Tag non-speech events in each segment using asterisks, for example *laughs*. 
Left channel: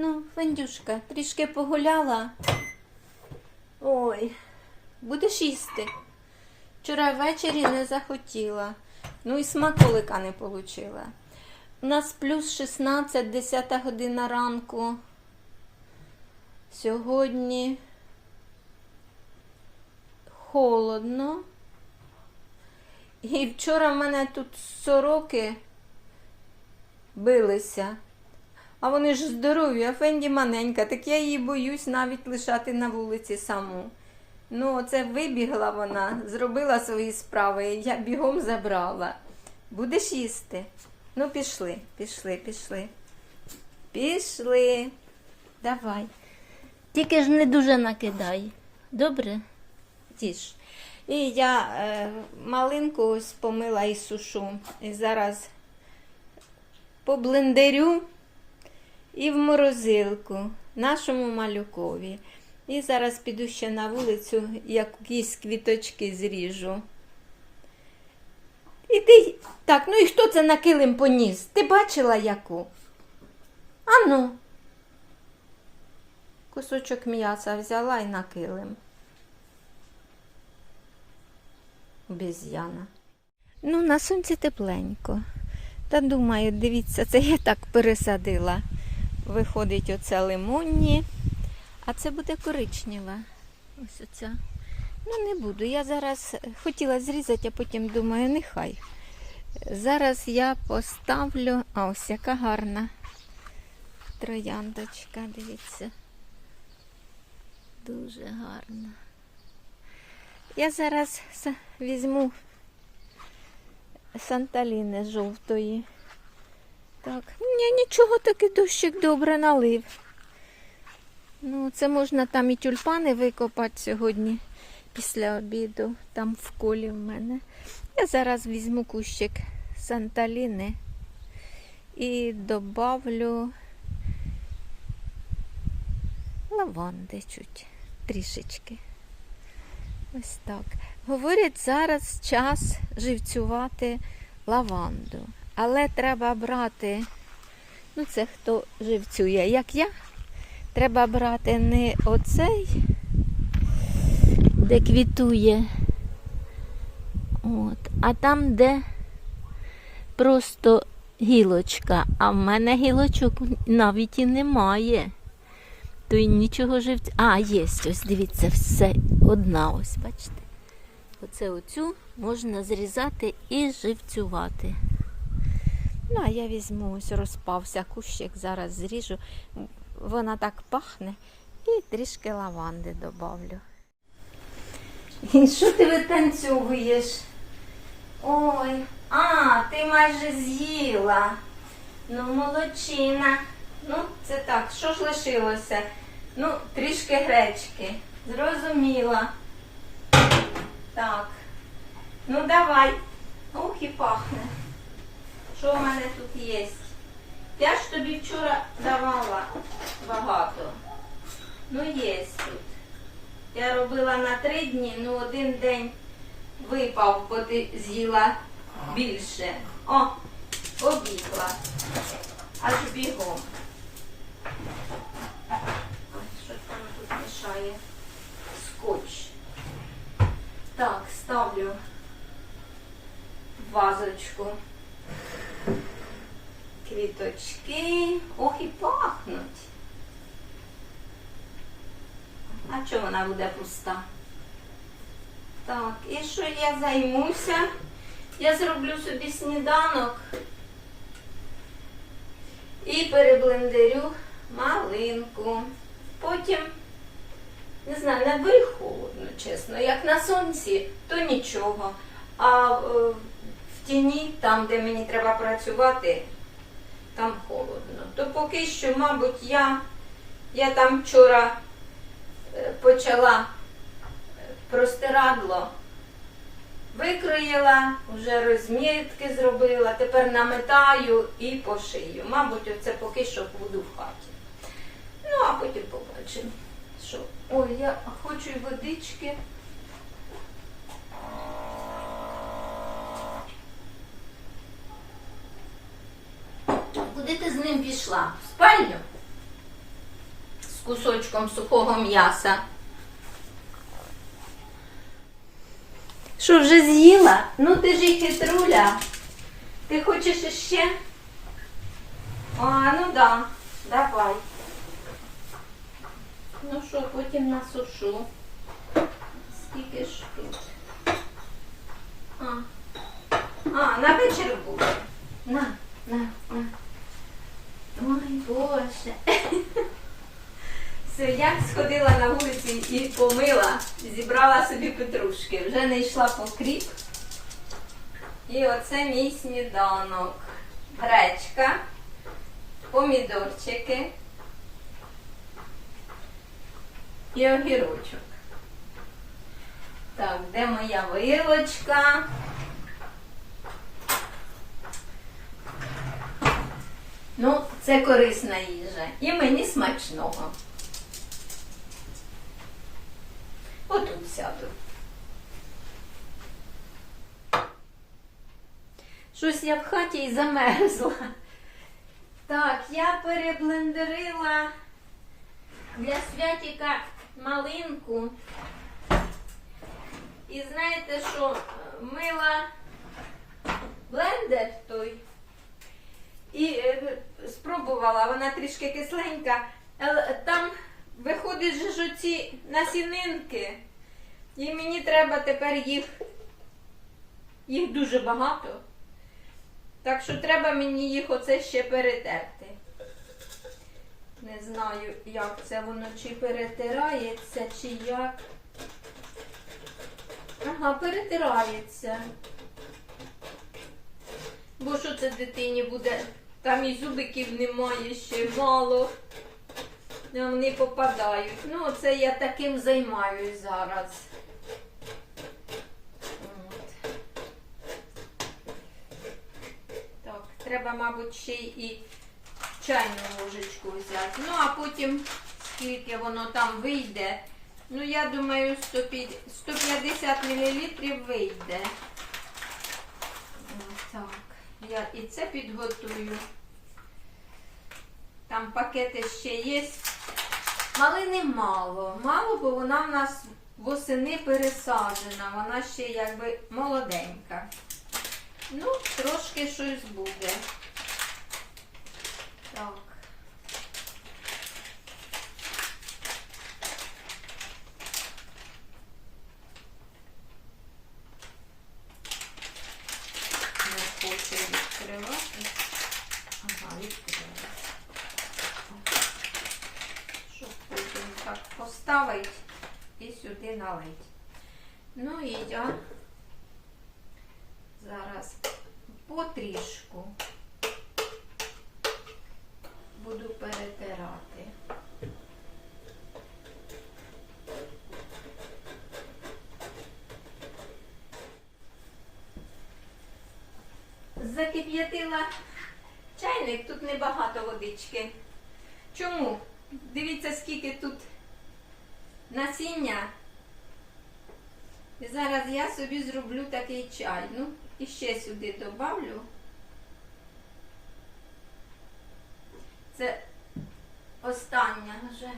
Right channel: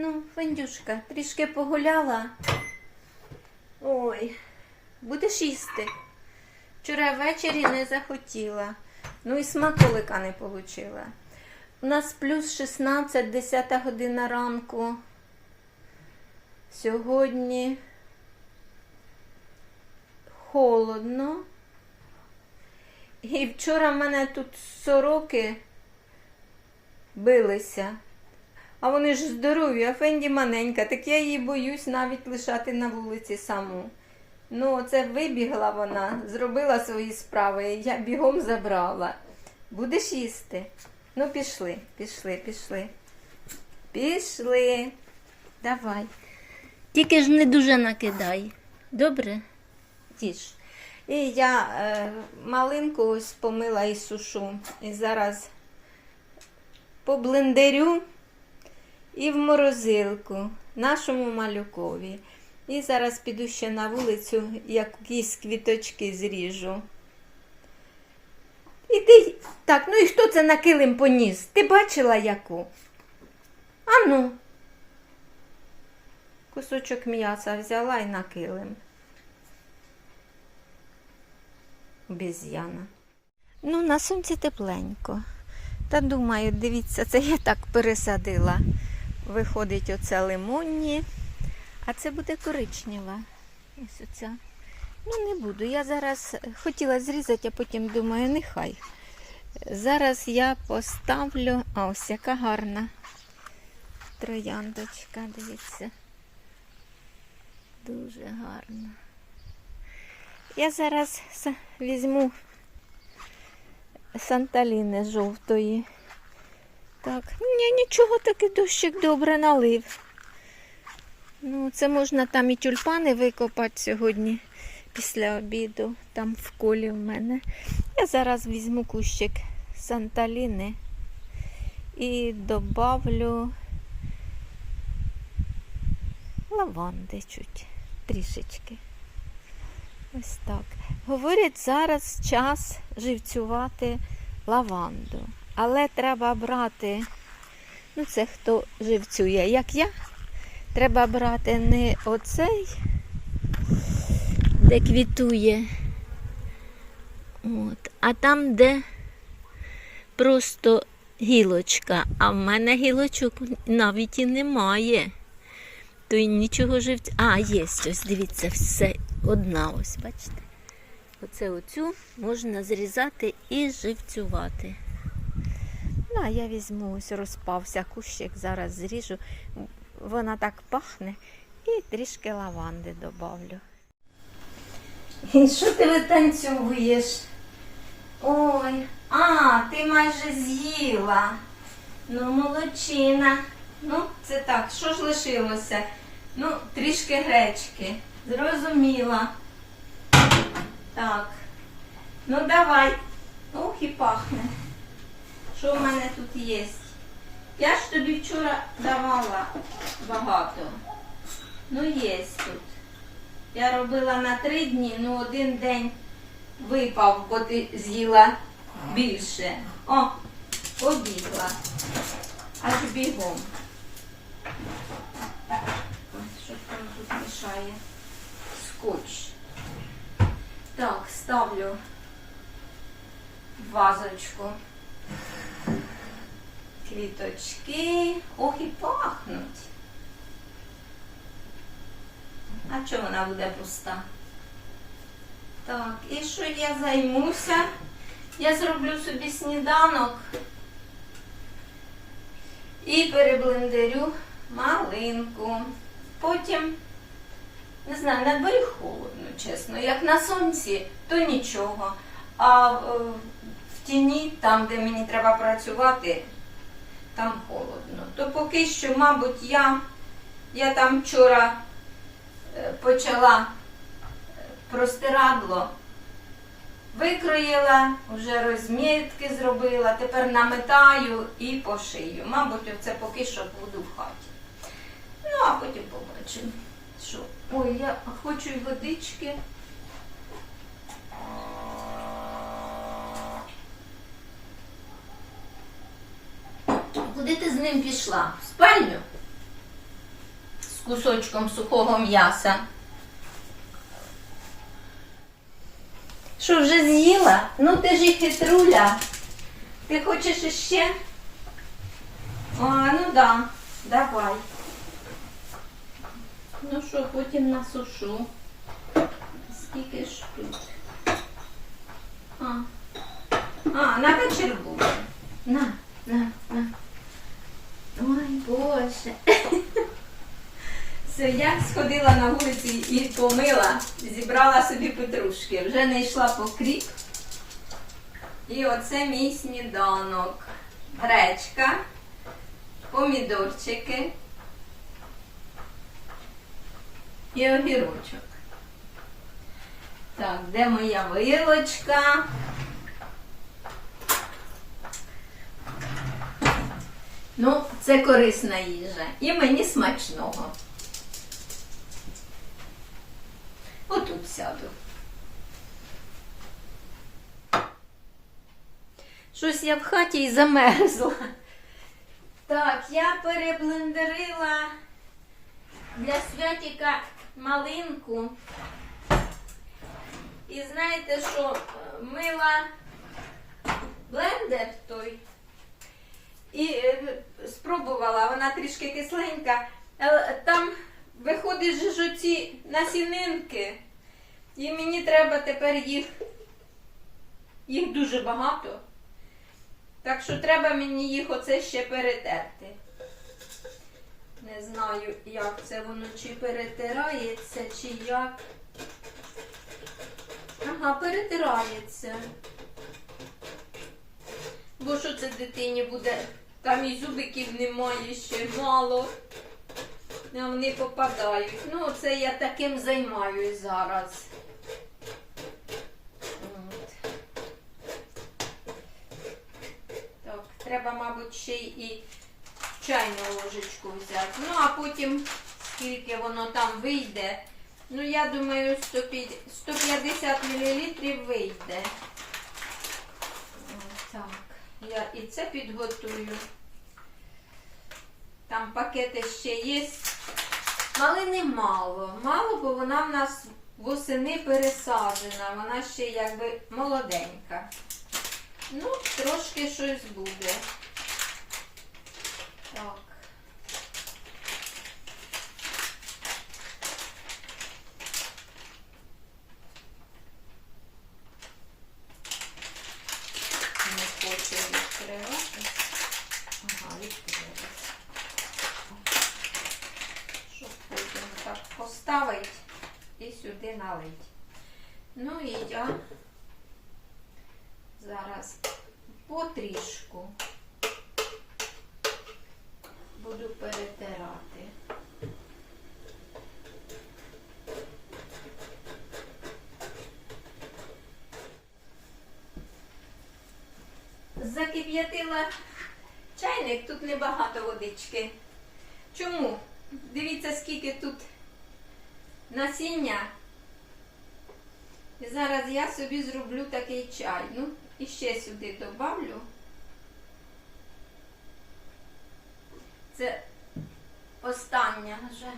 Ну, Фендюшка, трішки погуляла. Ой, будеш їсти? Вчора ввечері не захотіла. Ну і смаколика не отримала. У нас плюс 16, 10 година ранку. Сьогодні холодно. І вчора в мене тут сороки билися. А вони ж здорові, а Фенді маленька, так я її боюсь навіть лишати на вулиці саму. Ну, оце вибігла вона, зробила свої справи, я бігом забрала. Будеш їсти? Ну, пішли, пішли, пішли. Пішли. Давай. Тільки ж не дуже накидай. Добре? Тіш. І я е, малинку ось помила і сушу. І зараз поблендерю і в морозилку нашому малюкові. І зараз піду ще на вулицю, якісь квіточки зріжу. І ти. Так, ну і хто це на килим поніс? Ти бачила яку? Ану. Кусочок м'яса взяла і на килим. Обезьяна. Ну, на сонці тепленько. Та думаю, дивіться, це я так пересадила. Виходить оце лимонні, а це буде коричнева. Ось оця. Ну, не буду. Я зараз хотіла зрізати, а потім думаю, нехай. Зараз я поставлю. А ось яка гарна трояндочка, дивіться. Дуже гарна. Я зараз візьму санталіни жовтої. Так, ні, нічого таки дощик добре налив. Ну, це можна там і тюльпани викопати сьогодні після обіду, там в колі в мене. Я зараз візьму кущик санталіни і добавлю лаванди чуть трішечки. Ось так. Говорять, зараз час живцювати лаванду. Але треба брати, ну це хто живцює, як я, треба брати не оцей, де квітує, от, а там, де просто гілочка. А в мене гілочок навіть і немає. То й нічого живцю. А, є ось, дивіться, все одна ось, бачите. Оце оцю можна зрізати і живцювати. Ну, а я візьму ось розпався кущик, зараз зріжу. Вона так пахне і трішки лаванди добавлю. І що ти витанцьовуєш? Ой, а, ти майже з'їла. Ну, молодчина. Ну, це так, що ж лишилося? Ну, трішки гречки. Зрозуміла. Так. Ну, давай. Ух, і пахне. Що в мене тут є? Я ж тобі вчора давала багато. Ну, є тут. Я робила на три дні, ну один день випав, бо ти з'їла більше. О, побігла. Аж бігом. Що там тут мішає? Скотч. Так, ставлю вазочку. Квіточки. Ох, і пахнуть. А чому вона буде пуста? Так, і що я займуся? Я зроблю собі сніданок і переблендерю малинку. Потім, не знаю, на дворі холодно, чесно. Як на сонці, то нічого. А е, в тіні, там, де мені треба працювати, там холодно. То поки що, мабуть, я, я там вчора е, почала е, простирадло. Викроїла, вже розмітки зробила, тепер наметаю і пошию. Мабуть, це поки що буду в хаті. Ну, а потім побачимо. Що? Ой, я хочу водички. Куди ти з ним пішла? В спальню? кусочком сухого м'яса. Що вже з'їла? Ну ти ж і хитруля. Ти хочеш іще? А, ну да, давай. Ну що, потім насушу. Скільки ж тут? А, а на вечір буде. На, на, на. Ой, Боже. Все, я сходила на вулицю і помила, зібрала собі петрушки. Вже не йшла по кріп. І оце мій сніданок. Гречка, помідорчики і огірочок. Так, де моя вилочка? Ну, це корисна їжа. І мені смачного. Отут сяду. Щось я в хаті і замерзла. Так, я переблендерила для святіка малинку. І знаєте, що мила блендер той. І е, спробувала, вона трішки кисленька, але там виходить же ж оці насінинки. І мені треба тепер їх, їх дуже багато. Так що треба мені їх оце ще перетерти. Не знаю, як це воно, чи перетирається, чи як. Ага, перетирається. Бо що це дитині буде? Там і зубиків немає ще мало. Вони попадають. Ну, це я таким займаюсь зараз. От. Так, треба, мабуть, ще і чайну ложечку взяти. Ну, а потім, скільки воно там вийде. Ну, я думаю, 150 150 мл вийде. Я і це підготую. Там пакети ще є. Малини мало. Мало, бо вона в нас восени пересаджена. Вона ще якби молоденька. Ну, трошки щось буде. Так. Не хоче відкривати. Ага, відкрила. Щоб потім так поставити і сюди налить. Ну і я зараз потрішку буду перетирати. Закип'ятила чайник, тут небагато водички. Чому? Дивіться, скільки тут насіння. І зараз я собі зроблю такий чай. Ну, і ще сюди добавлю. Це остання вже.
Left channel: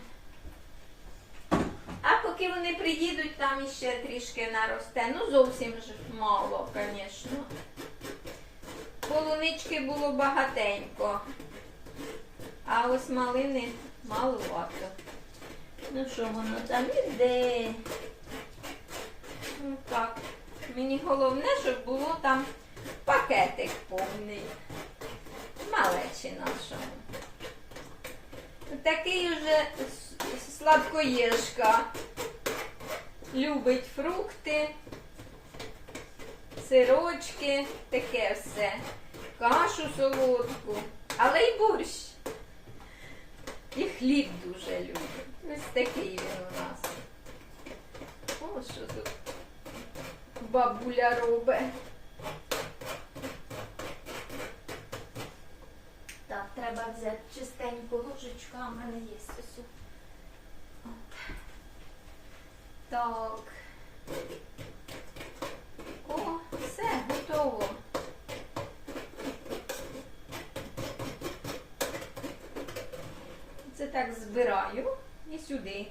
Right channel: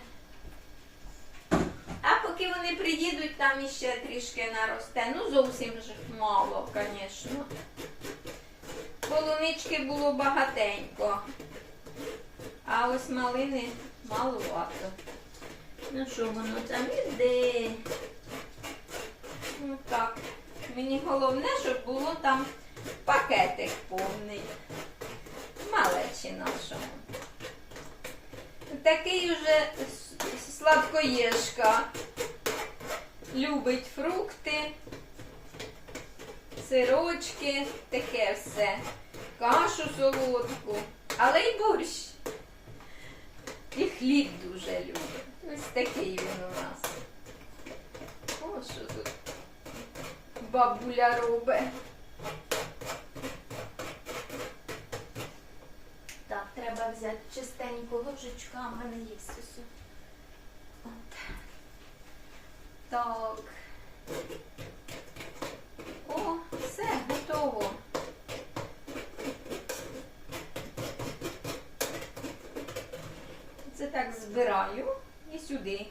А поки вони приїдуть, там іще трішки наросте. Ну, зовсім ж мало, звісно. Полунички було багатенько. А ось малини маловато. Ну що воно там іде? Ну так. Мені головне, щоб було там пакетик повний. Малечі нашому. Такий уже сладкоєшка. Любить фрукти, сирочки, таке все. Кашу солодку, але й борщ. І хліб дуже любить. Ось такий він у нас. О, що тут бабуля робить. Так, треба взяти чистеньку ложечку, а в мене є ось. Так. О, все, готово. Це так збираю і сюди.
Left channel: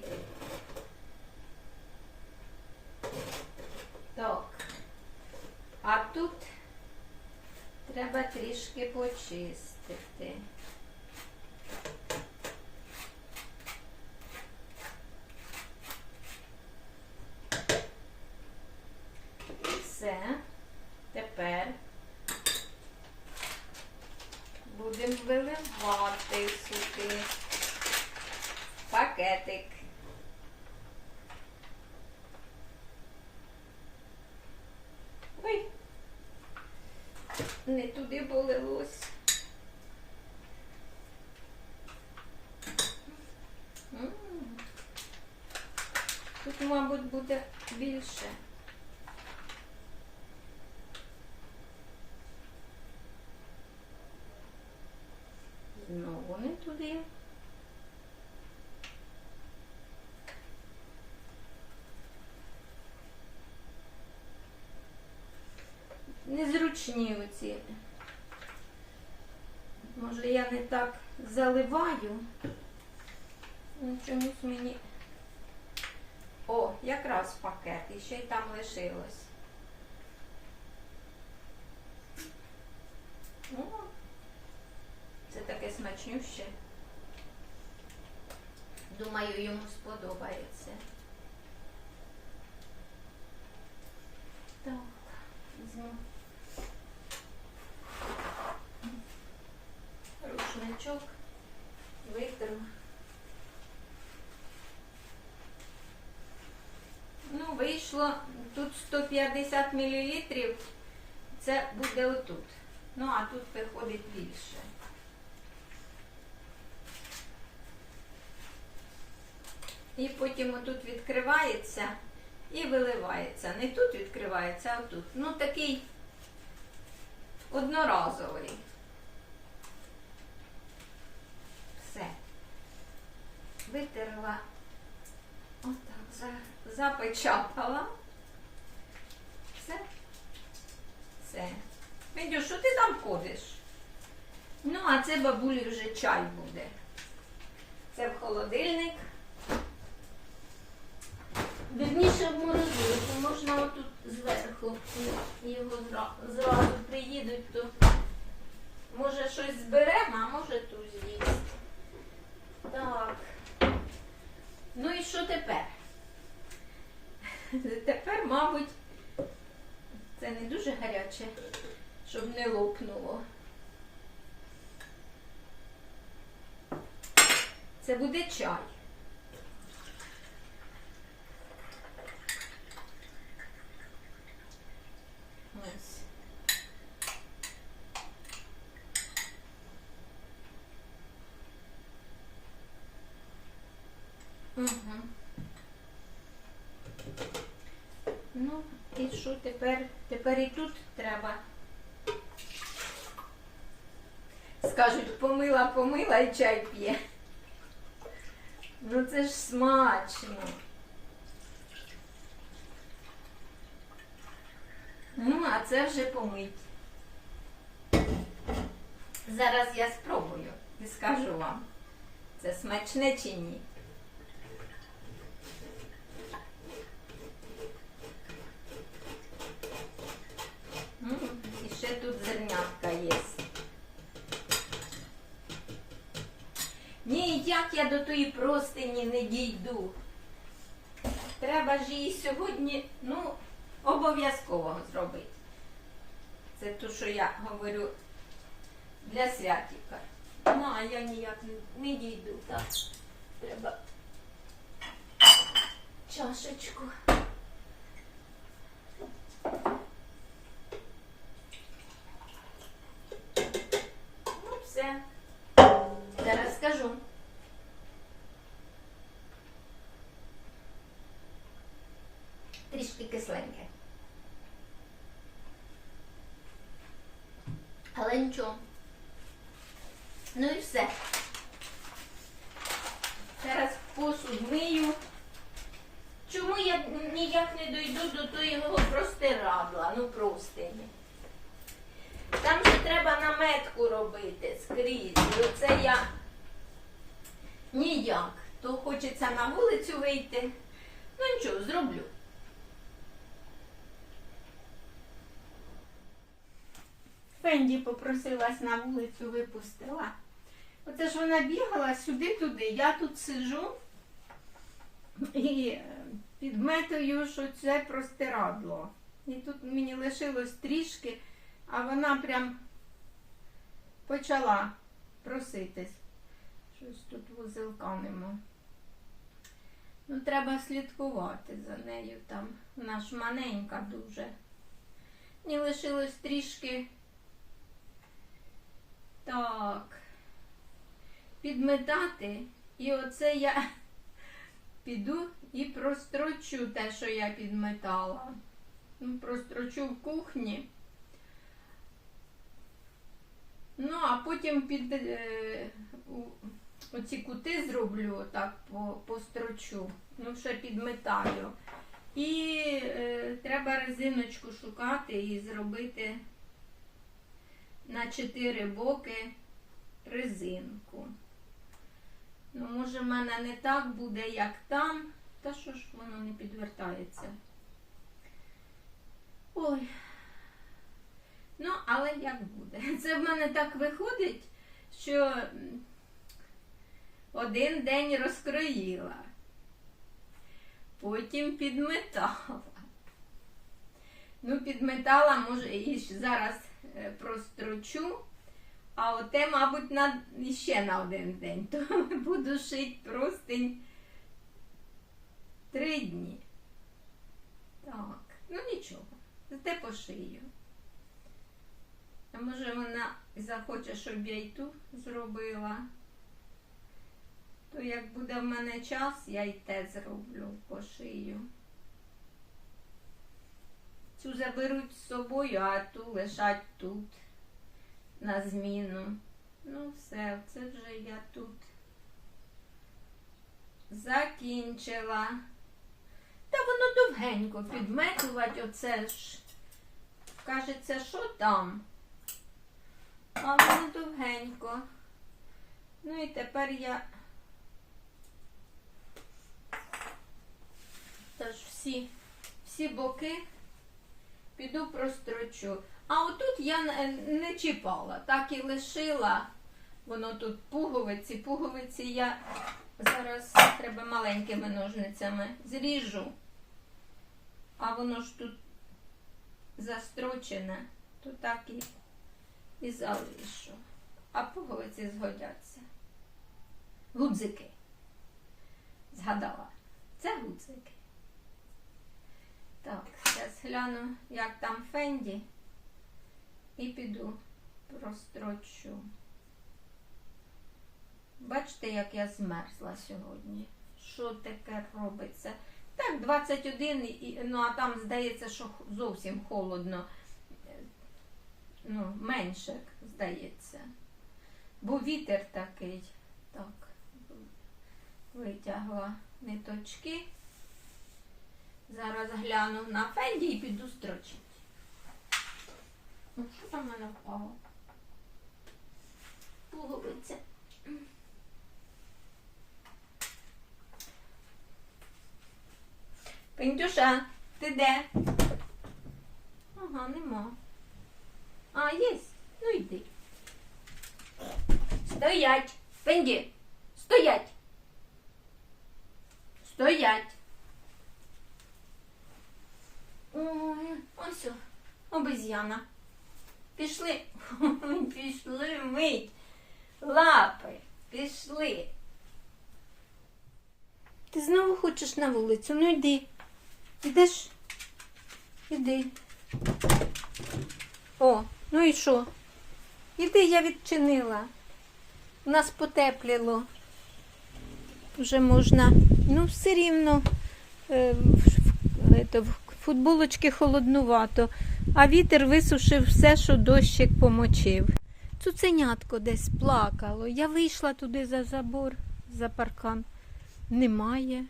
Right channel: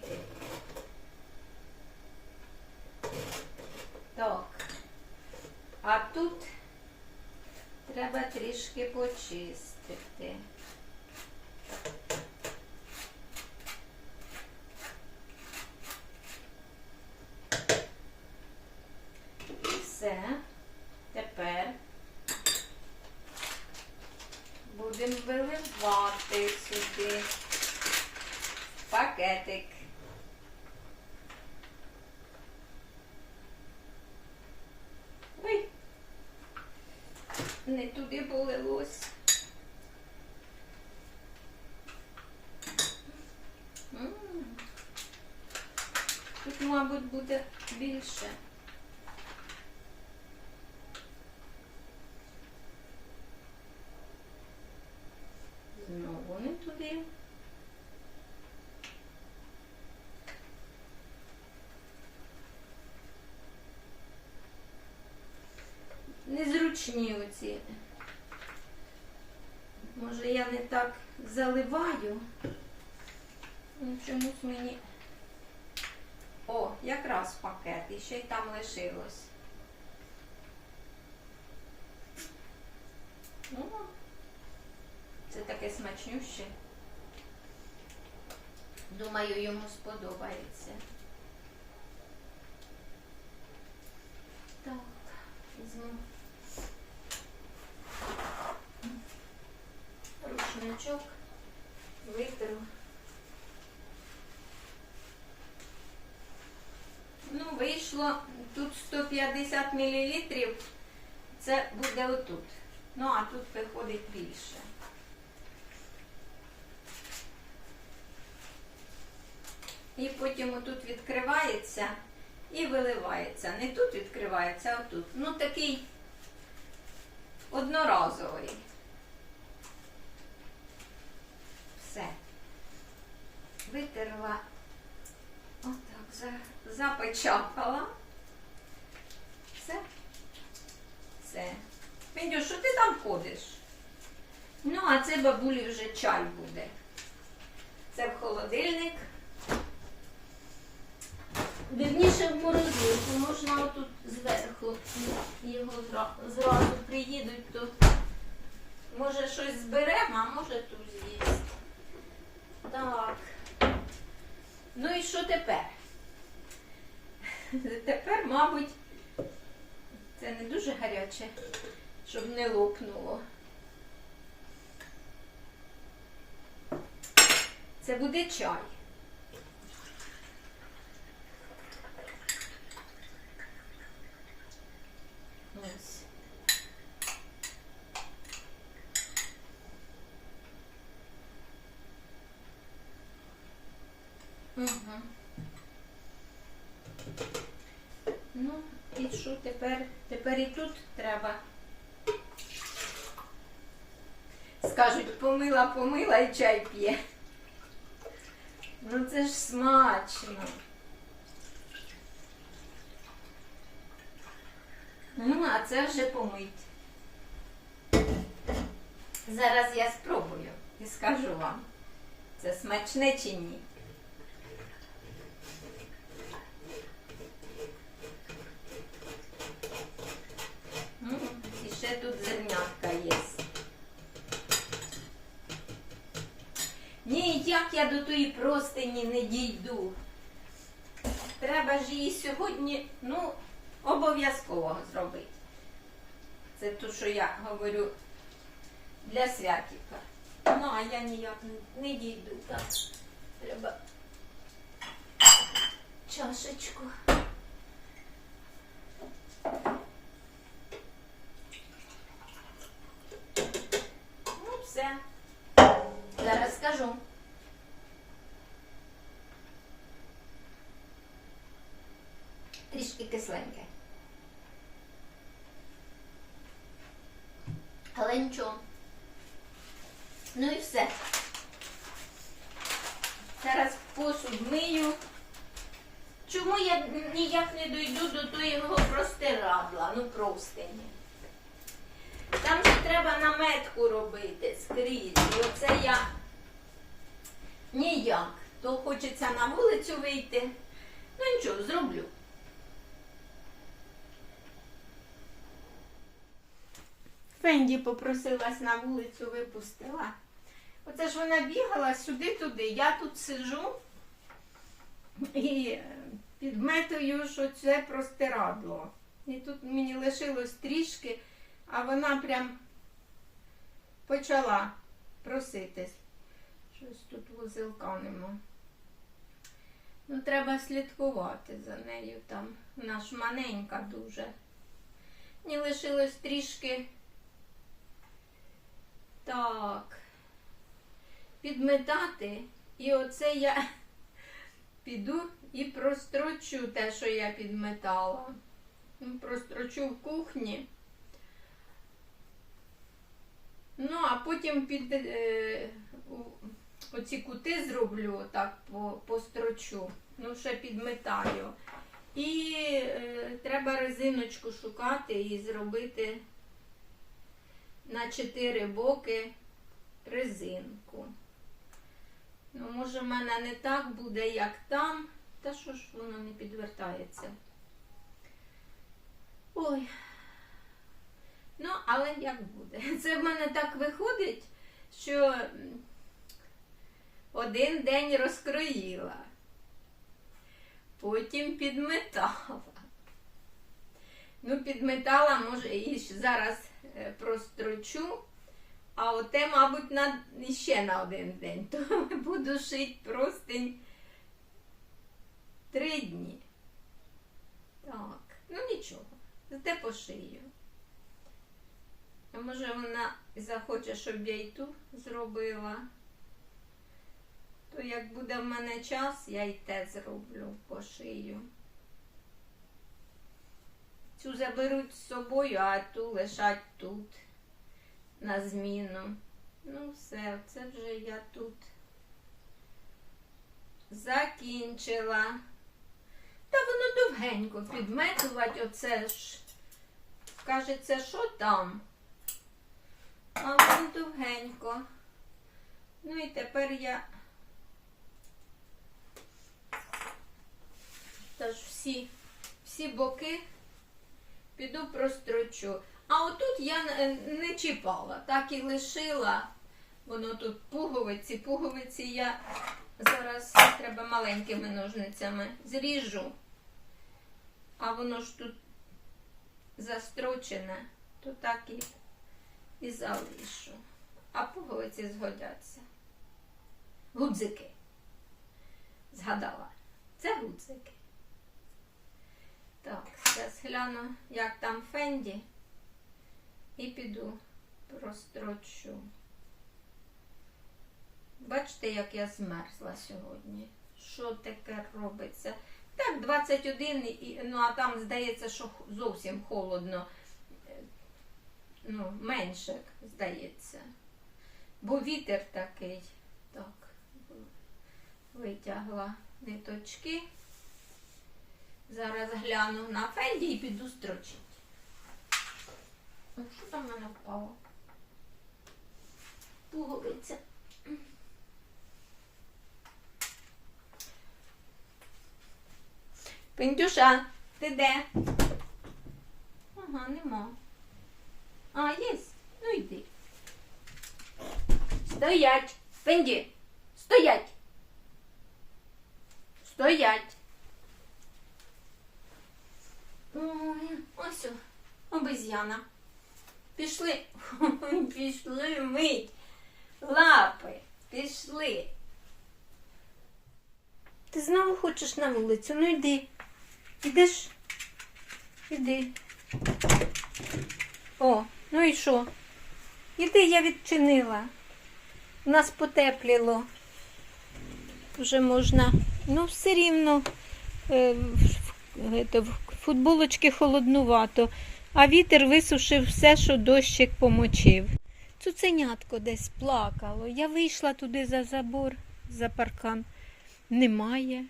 Так. А тут треба трішки почистити. Все. Тепер будемо виливати сюди пакетик. Ой, не туди полилось. М. Тут, мабуть, буде більше. Знову не туди. Незручні оці. Може я не так заливаю. Ну, Чомусь мені. О, якраз пакет, і ще й там лишилось. О, це таке смачнюще. Думаю, йому сподобається. Так, візьму рушничок, витру. Ну, вийшло тут 150 мл. Це буде отут. Ну, а тут виходить більше. І потім отут відкривається і виливається. Не тут відкривається, а тут. Ну, такий одноразовий. Все. Витерла. Отак, за- запечатала. Все. Все. Федю, що ти там ходиш? Ну, а це бабулі вже чай буде. Це в холодильник. Вірніше в морозилку. Можна отут зверху його зразу приїдуть, то може щось зберемо, а може тут з'їсть. Так. Ну і що тепер? Тепер, мабуть, це не дуже гаряче, щоб не лопнуло. Це буде чай. Ось. Угу. Ну, і що тепер? Тепер і тут треба. Скажуть, помила, і чай п'є. Ну це ж смачно. Ну, а це вже помить. Зараз я спробую і скажу вам, це смачне чи ні. М, І ще тут зернятка є. Ніяк я до тої простині не дійду. Треба ж її сьогодні, ну, обов'язково зробити. Це те, що я говорю для святіка. Ну, а я ніяк не- дійду. Так, треба чашечку. Ну, все. Зараз скажу. Трішки кисленьке. Але нічого. Ну і все. Зараз посуд мию. Чому я ніяк не дойду до того простирадла, ну простині. Там же треба наметку робити скрізь. І оце я ніяк. то хочеться на вулицю вийти. Ну нічого, зроблю. Фенді попросилась на вулицю, випустила. Оце ж вона бігала сюди-туди. Я тут сиджу і е, підметую, що це простирадло. І тут мені лишилось трішки, а вона прям почала проситись. Щось тут вузелка нема. Ну, треба слідкувати за нею там. Вона ж маленька дуже. Мені лишилось трішки. Так. Підметати. І оце я *laughs* піду і прострочу те, що я підметала. Ну, Прострочу в кухні. Ну, а потім під е, оці кути зроблю, так построчу. Ну, ще підметаю. І е, треба резиночку шукати і зробити на чотири боки резинку. Ну, може, в мене не так буде, як там. Та що ж воно не підвертається? Ой. Ну, але як буде? *laughs* Це в мене так виходить, що один день розкроїла, потім підметала. Ну, підметала, може, і зараз прострочу, а оте, мабуть, на, ще на один день. *laughs* То буду шити простень три дні. Так, ну нічого, зате пошию. А може вона захоче, щоб я й ту зробила. То як буде в мене час, я й те зроблю, пошию. Цю заберуть з собою, а ту лишать тут на зміну. Ну, все, це вже я тут закінчила. Та воно довгенько підметувати, оце ж. Кажеться, що там? А воно довгенько. Ну і тепер я теж всі, всі боки піду прострочу. А отут я не- чіпала, так і лишила. Воно тут пуговиці. Пуговиці я зараз треба маленькими ножницями зріжу. А воно ж тут застрочене, то так і, і залишу. А пуговиці згодяться. Гудзики. Згадала. Це гудзики. Так, зараз гляну, як там Фенді. І піду прострочу. Бачите, як я змерзла сьогодні. Що таке робиться? Так, 21, ну а там здається, що зовсім холодно. Е, Ну, менше, здається. Бо вітер такий. Так, витягла ниточки. Зараз гляну на фенді і піду строчити. Що там в мене впало? Пуговиця. Пендюша, ти де? Ага, нема. А, є. Ну йди. Стоять. Пенді. Стоять. Стоять. Ой, ось о, обезьяна. Пішли. *laughs* Пішли мить. Лапи. Пішли. Ти знову хочеш на вулицю? Ну йди. Ідеш? Іди. О, ну і що? Іди, я відчинила. У нас потепліло. Вже можна. Ну, все рівно е, в- в- в футболочки холоднувато, а вітер висушив все, що дощик помочив. Цуценятко десь плакало. Я вийшла туди за забор, за паркан. Немає.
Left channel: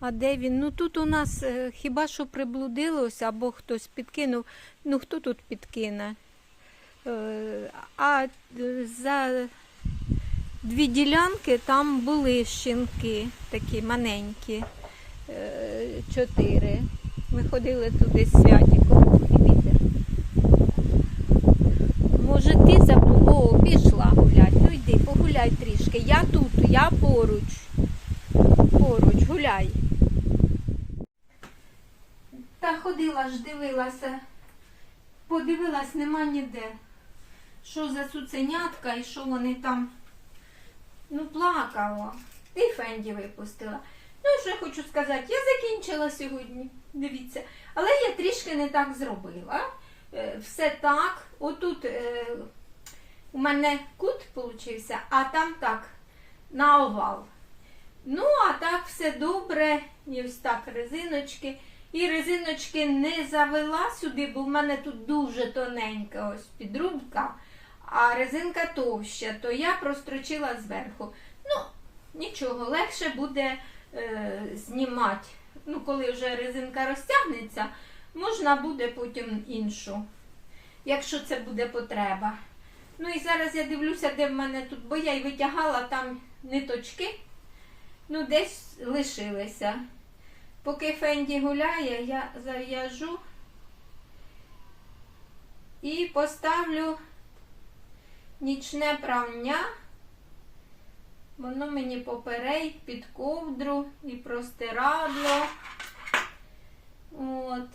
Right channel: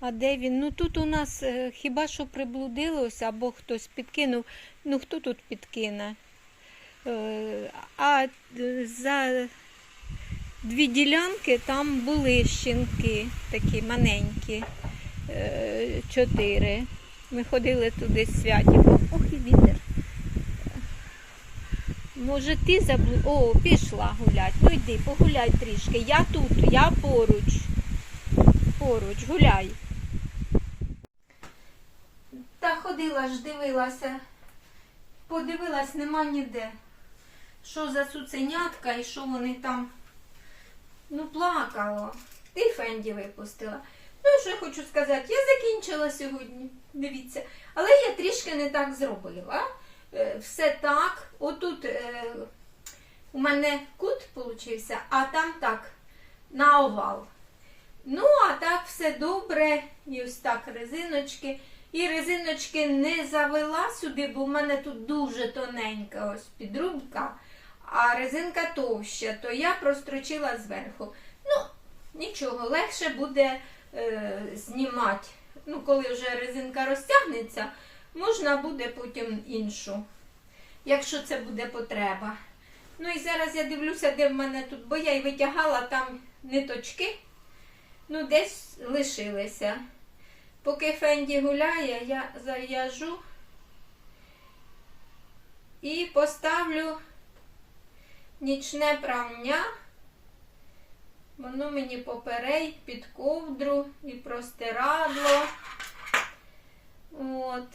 А де він? Ну тут у нас е, хіба що приблудилось, або хтось підкинув. Ну хто тут підкине? Е, а е, за дві ділянки, там були щінки, такі маленькі, чотири. Ми ходили туди з святіком. Може, ти забув? О, пішла гулять. Ну йди, погуляй трішки. Я тут, я поруч. Поруч, гуляй. Та ходила ж, дивилася. Подивилась, нема ніде. Що за цуценятка і що вони там. Ну, плакала. Ти Фенді випустила. Ну, що я хочу сказати, я закінчила сьогодні. Дивіться. Але я трішки не так зробила. Е, Все так. Отут е, у мене кут получився, а там так, на овал. Ну, а так все добре. І ось так резиночки. І резиночки не завела сюди, бо в мене тут дуже тоненька ось підрубка, а резинка товща, то я прострочила зверху. Ну, нічого, легше буде е, знімати. Ну, коли вже резинка розтягнеться, можна буде потім іншу, якщо це буде потреба. Ну і зараз я дивлюся, де в мене тут, бо я й витягала там ниточки, ну десь лишилися. Поки Фенді гуляє, я зав'яжу і поставлю нічне прання. Воно мені поперей під ковдру і простирадло. От.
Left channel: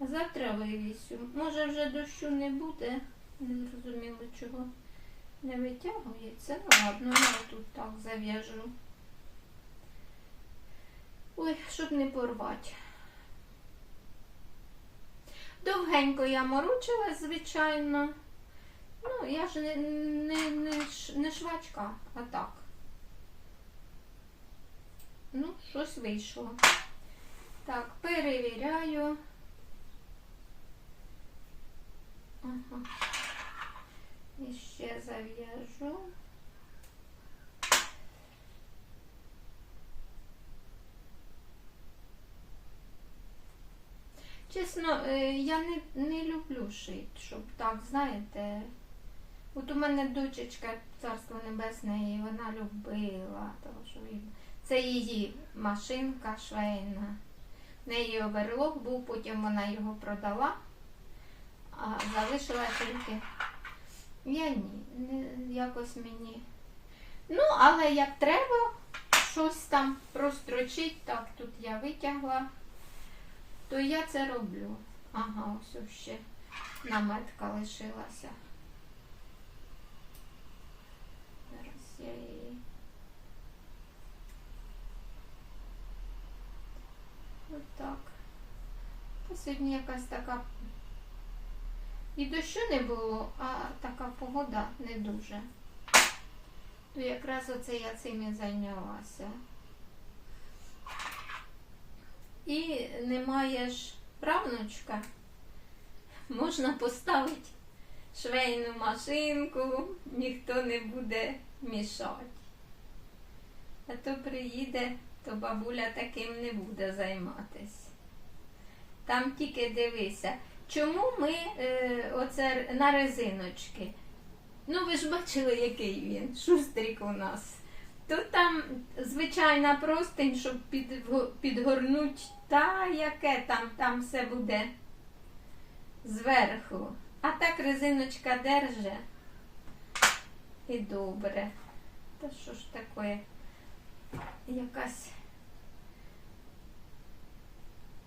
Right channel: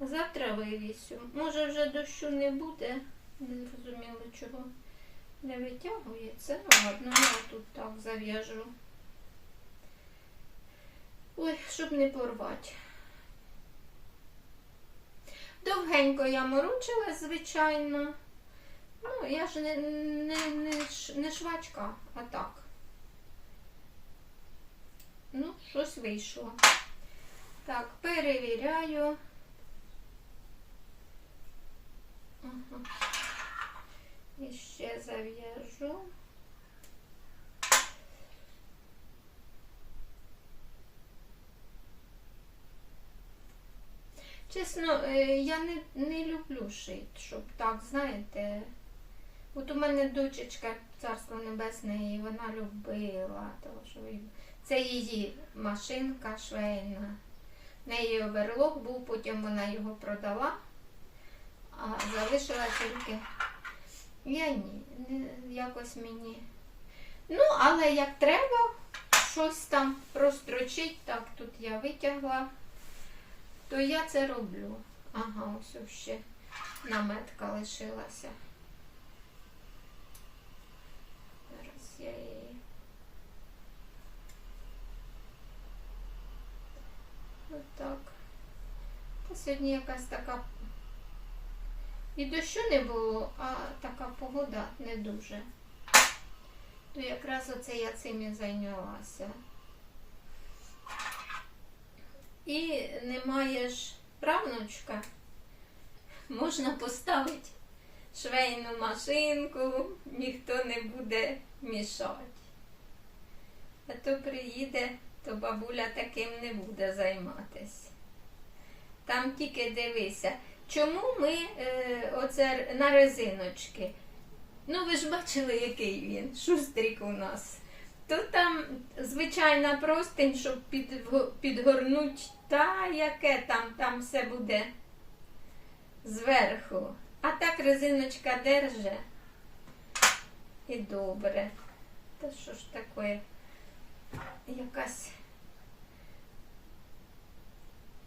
Завтра вивісю. Може вже дощу не буде. Не зрозуміло чого не витягується. Ну ладно, я тут так зав'яжу. Ой, щоб не порвати. Довгенько я морочила, звичайно. Ну, я ж не, не, не, не швачка, а так. Ну, щось вийшло. Так, перевіряю. Ага. І ще зав'яжу. Чесно, е, я не, не люблю шити, щоб так, знаєте. От у мене дочечка, царство небесне, і вона любила. Тому що це її машинка швейна. В неї оверлок був, потім вона його продала, а залишила тільки. Я ні, якось мені. Ну, але як треба, щось там прострочить, так, тут я витягла то я це роблю. Ага, ось ще наметка лишилася. Я її. Отак. Та сьогодні якась така. І дощу не було, а така погода не дуже. То якраз оце я цим і зайнялася. І немає ж правнучка, можна поставити швейну машинку, ніхто не буде мішати. А то приїде, то бабуля таким не буде займатися. Там тільки дивися, чому ми е, оце на резиночки? Ну, ви ж бачили, який він, шустрик у нас. Тут там звичайна простинь, щоб підго- підгорнуть, та яке там, там все буде зверху. А так резиночка держи. І добре. Та що ж таке? Якась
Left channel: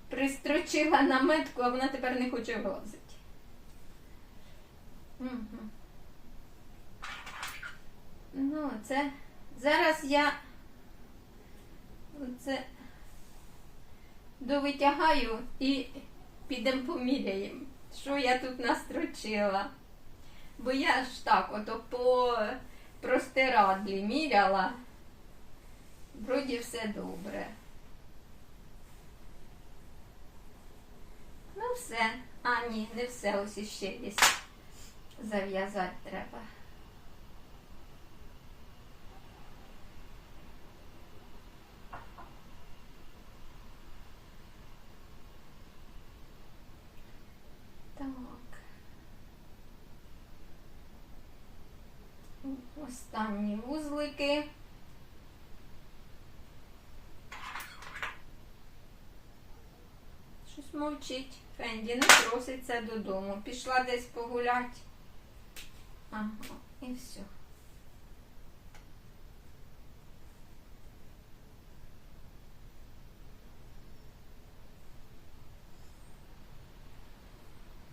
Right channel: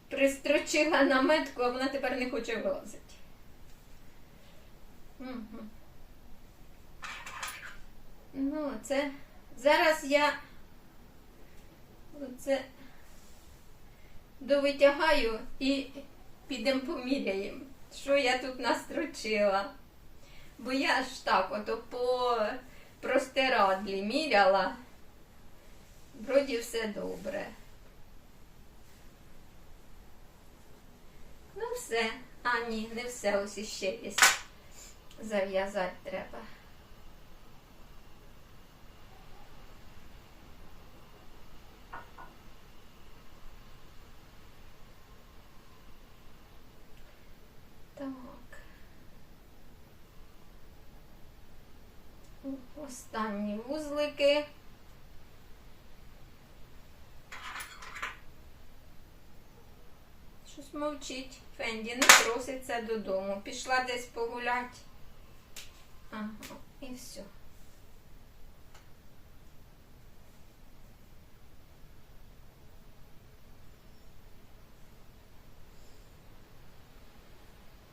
пристрочила наметку, а вона тепер не хоче влазити. Угу. Ну, це зараз я оце довитягаю і підемо поміряємо, що я тут настрочила. Бо я ж так ото по простирадлі міряла. Вроді все добре. Ну все. А, ні, не все, ось іще десь Зав'язати треба. Так. Смайлики. Щось мовчить. Фенді не проситься додому. Пішла десь погулять. Ага, і все.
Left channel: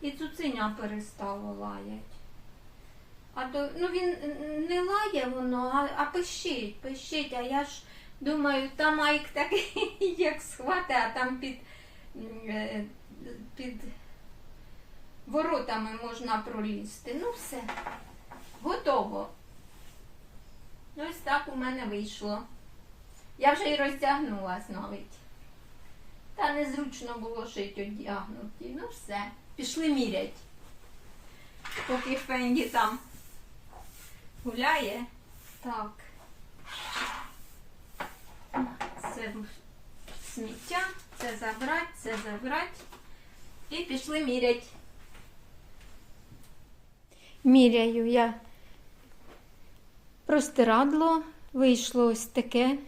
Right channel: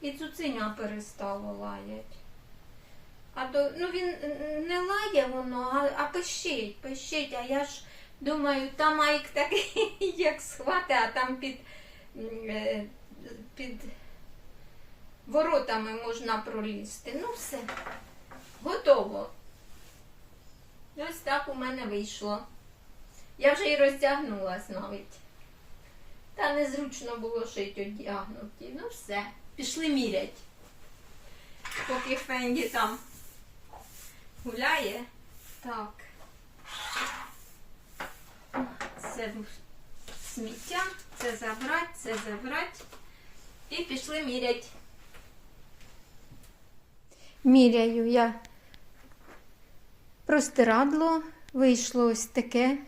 І цуценя перестало лаять. А то, ну він не лає воно, а, а пищить, пищить. А я ж думаю, там Майк такий, *laughs* як схвати, а там під, е, під воротами можна пролізти. Ну все, готово. Ось так у мене вийшло. Я вже і роздягнулась навіть. Та незручно було шити одягнуті. Ну все, пішли мірять. Поки Фенді там гуляє. Так. Це сміття, це забрати, це забрати. І пішли мірять. Міряю я простирадло, вийшло ось таке.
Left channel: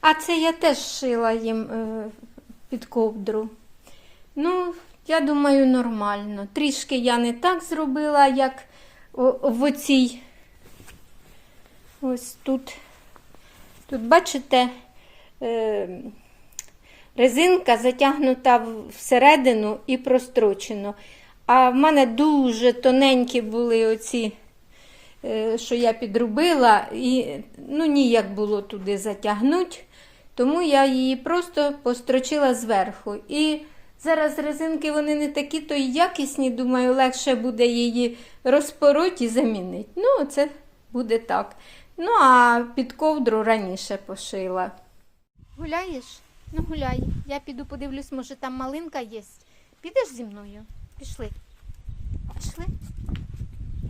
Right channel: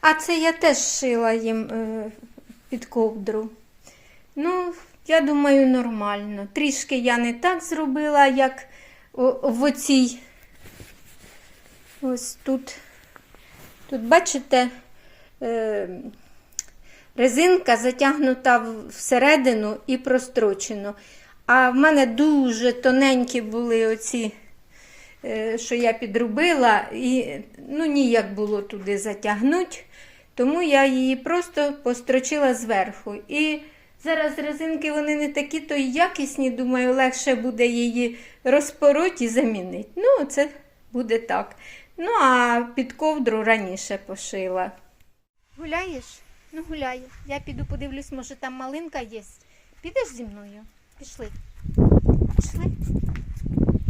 А це я теж шила їм е, під ковдру. Ну, я думаю, нормально. Трішки я не так зробила, як в оцій. Ось тут. Тут, бачите, е, резинка затягнута всередину і прострочено. А в мене дуже тоненькі були оці, е, що я підробила, і ну, ніяк було туди затягнути. Тому я її просто построчила зверху. І зараз резинки вони не такі то й якісні, думаю, легше буде її розпороти і замінити. Ну, це буде так. Ну, а під ковдру раніше пошила. Гуляєш? Ну, гуляй. Я піду подивлюсь, може там малинка є. Підеш зі мною? Пішли. Пішли?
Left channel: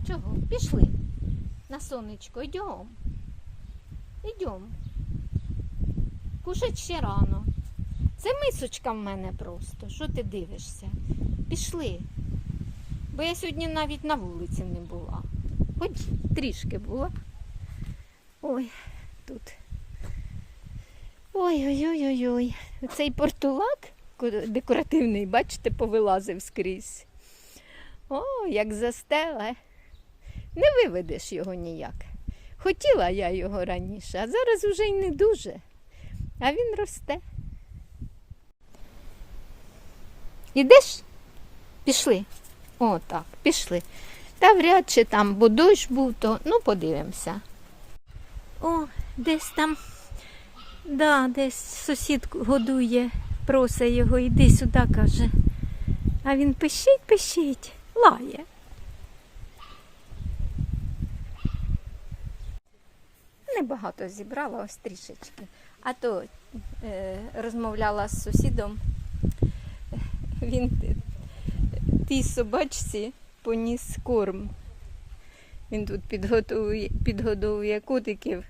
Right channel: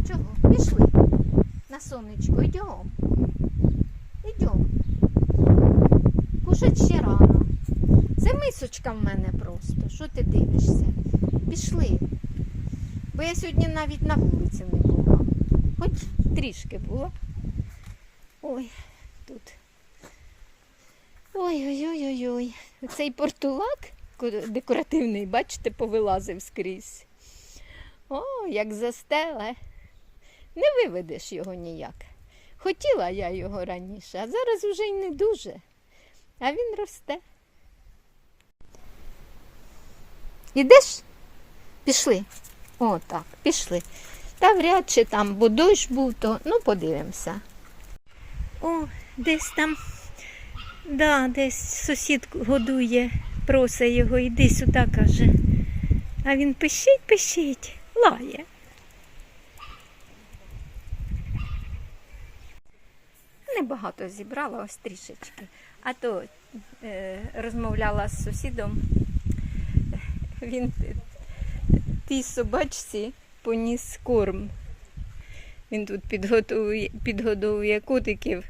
Чого? Пішли. На сонечко, йдем. Йдем. Кушать ще рано. Це мисочка в мене просто. Що ти дивишся? Пішли. Бо я сьогодні навіть на вулиці не була. Хоч трішки була. Ой, тут. Ой-ой-ой-ой-ой. Цей портулак декоративний, бачите, повилазив скрізь. О, як застеле. Не виведеш його ніяк. Хотіла я його раніше, а зараз уже й не дуже. А він росте. Ідеш? Пішли. О, так, пішли. Та вряд чи там, дощ був, то ну подивимося. О, десь там, да, десь сусід годує, просить його, іди сюди, каже. А він пищить, пищить, лає. Небагато зібрала, ось трішечки. А то е, розмовляла з сусідом. Він тій собачці поніс корм. Він тут підготує, підгодовує котиків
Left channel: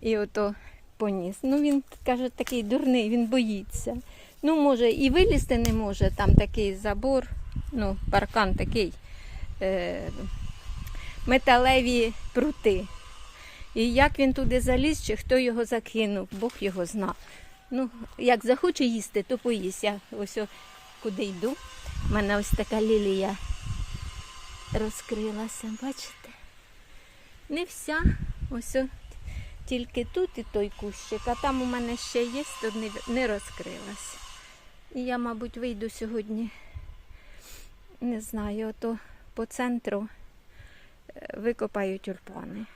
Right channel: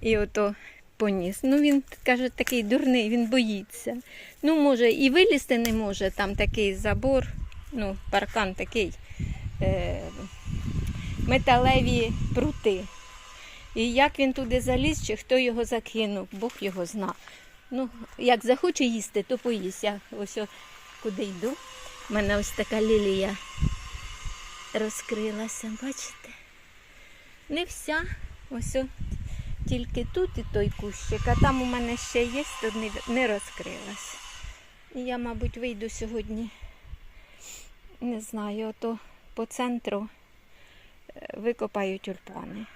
і ото поніс. Ну він каже, такий дурний, він боїться. Ну, може, і вилізти не може, там такий забор, ну, паркан такий, е, металеві прути. І як він туди заліз, чи хто його закинув, Бог його зна. Ну, як захоче їсти, то поїсть. Я ось о, куди йду. У мене ось така лілія розкрилася, бачите? Не вся, ось о, тільки тут і той кущик, а там у мене ще є, то не, розкрилась. Я, мабуть, вийду сьогодні, не знаю, ото по центру е, викопаю тюльпани.